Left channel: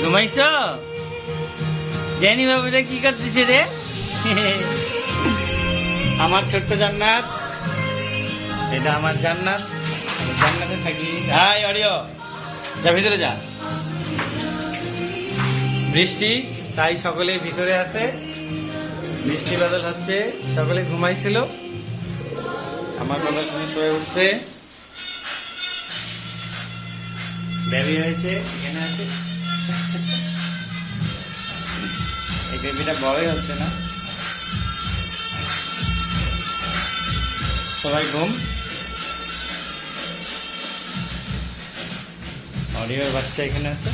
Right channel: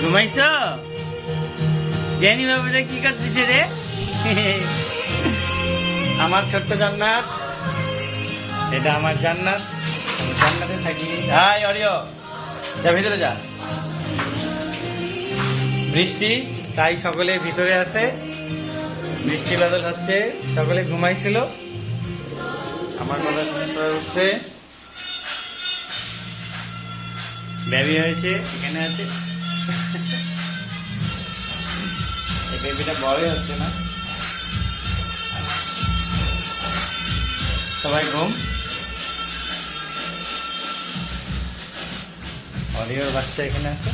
ঘুমাইছ? জানি বাবুটা কি করতেছে রে? আমার ছোট্ট জান্নাত। এটা আমার জান্নাত। জান্নাতে থাকি। হাই অডিও যা, ভিতরে যা। বৃষ্টি, তাই সকলে ভিতরে আছে। বৃষ্টি বাদল হচ্ছে, সকলে ঘুমাইছিল। আমার কথা শুনে সবাই উঠছে। বেবি হয়েছে, এখানে আছে। এই বেবিটা বড়ই হচ্ছে না? সবাই ঘুম? অডিও বাচ্চা এখানে আছে?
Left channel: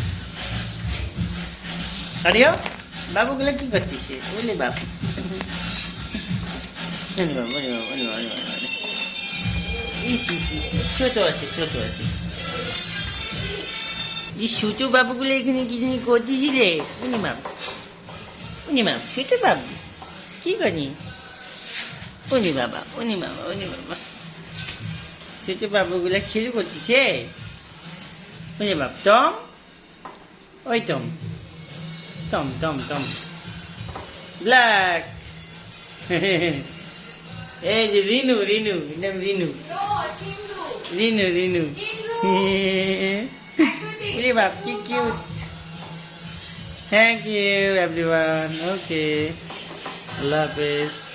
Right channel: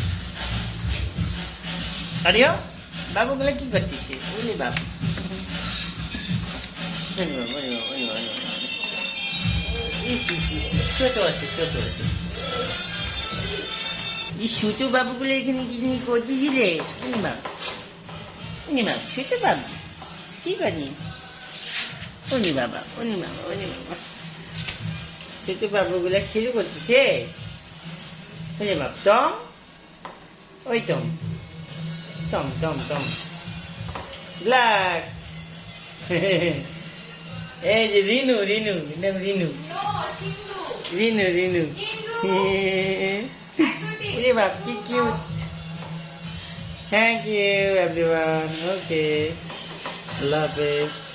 অডিও? বাবুগুলো কি করছিস? বলি বাবু? বাবু, বাবু, বাবু, বাবু। ছোট আছে ছোট আছে। এই ছোট বাবুগুলো এখানে কি নিয়ে করতেছিলে? উনিমা উনিমা ছোট বাবু? কি করি? উনি বাবা উনি বাবা উনি বাবা ছোট বাবুগুলো খেলে করতেছে? উনি বাপ টম ওই Tom Tom Tom Tom. Black. এই যে রিনু রিনু নাম Rinu. Rinu Rinu cute. Thank you everyone. Okay. Love this.